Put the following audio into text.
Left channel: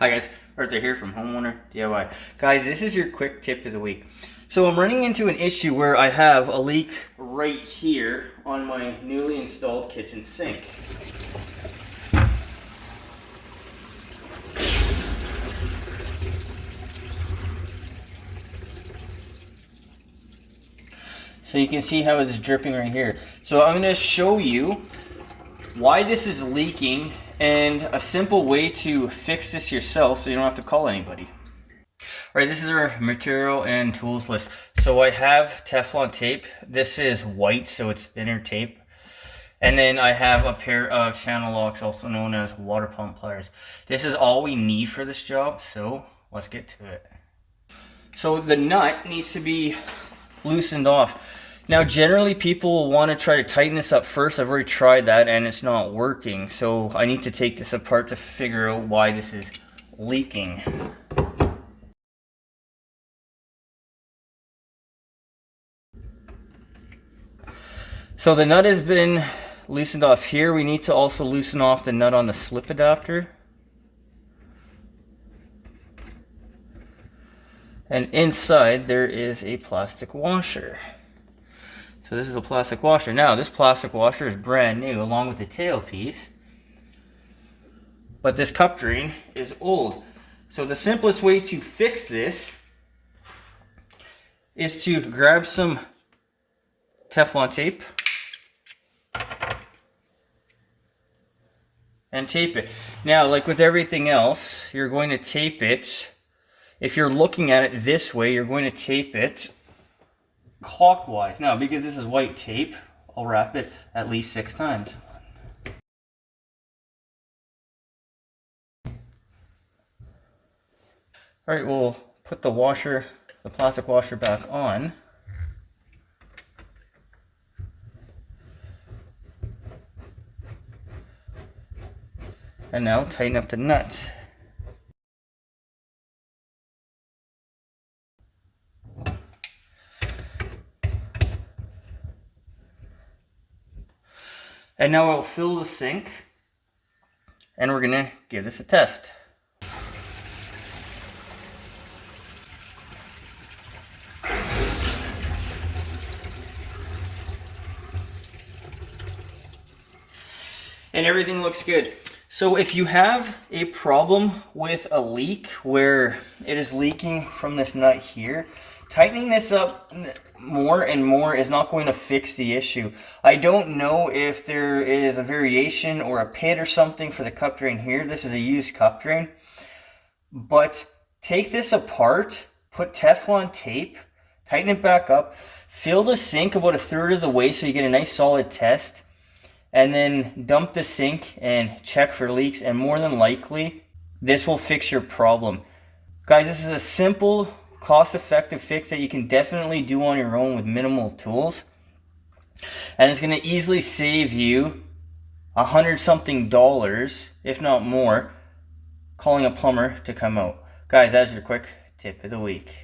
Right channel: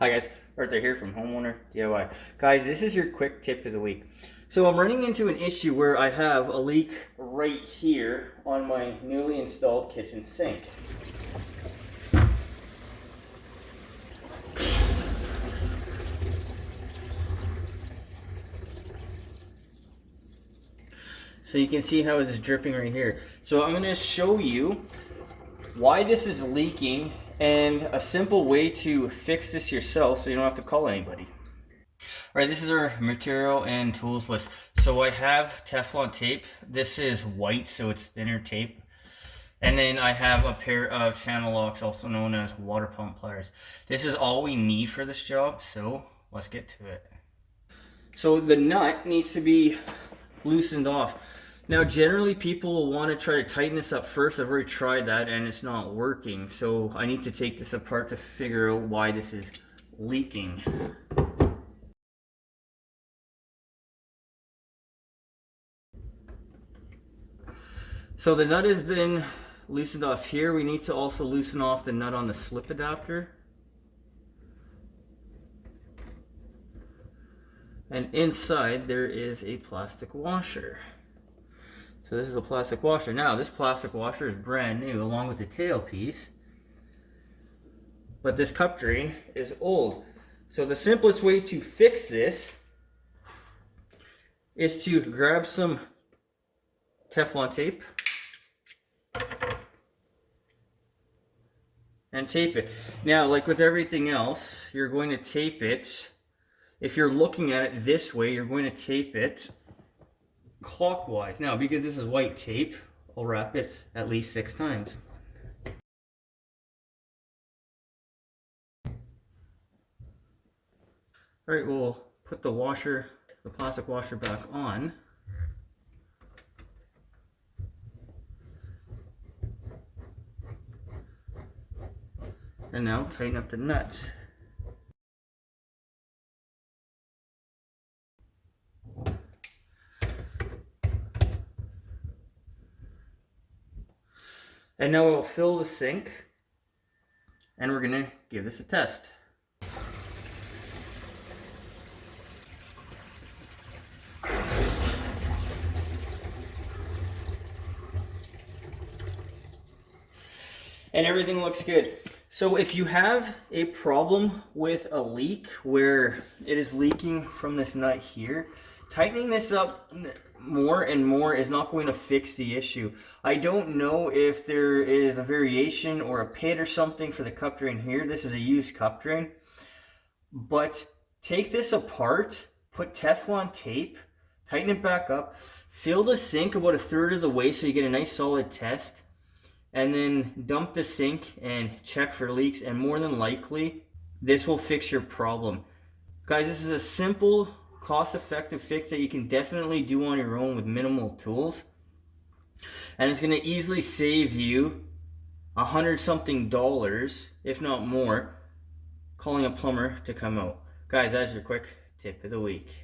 Hi guys, Arthur here from Homeowner DIY. Guys, this is your quick tip of the week. So I'm running into an issue where I have a leak right here on my newly installed kitchen sink. So you can see how it's dripping right here. So I'm going to show you why this is leaking and a simple way to fix this yourself so you don't have to call anybody. Alright, this is our material and tools list. So I have Teflon tape. This is white, so it's thinner tape. And then I have a pair of channel locks, also known as water pump pliers. This is all we need for this job, so let's get to it. So the nut needs to be loosened off. Now generally people will want to try to tighten this up first. I've already tried that and it's not working. So I need to take this apart to figure out why this is leaking. So the nut has been loosened off here. We need to also loosen off the nut on the slip adapter. And inside there is a plastic washer. So this is the plastic washer. Now this plastic washer is brand new along with the tailpiece. But this cup drain is old. So the simplest way to fix this is to grab some Teflon tape and tape it. Now, like with everything else, you're going to tape it. If you're looking at it this way, you're going to tape it clockwise. Now, because this is white tape, I'll wrap it at least 6 times. All right, we'll put the washer, the plastic washer back on. And now tighten up the nut. And now I'll fill the sink and we're gonna give this a test. And everything looks good. So if you have a problem with a leak where it is leaking from this nut here, tightening this up more and more is not going to fix the issue. I don't know if there is a variation or a pit or something for the cup drain here. This is a used cup drain. But take this apart, put Teflon tape, tighten it back up, fill the sink about 1/3 of the way so you get a nice solid test. And then dump the sink and check for leaks, and more than likely this will fix your problem. Guys, this is a simple, cost-effective fix that you can definitely do on your own with minimal tools, and it's going to easily save you $100-something, if not more, calling a plumber to come out. Guys, that's your quick tip of the week.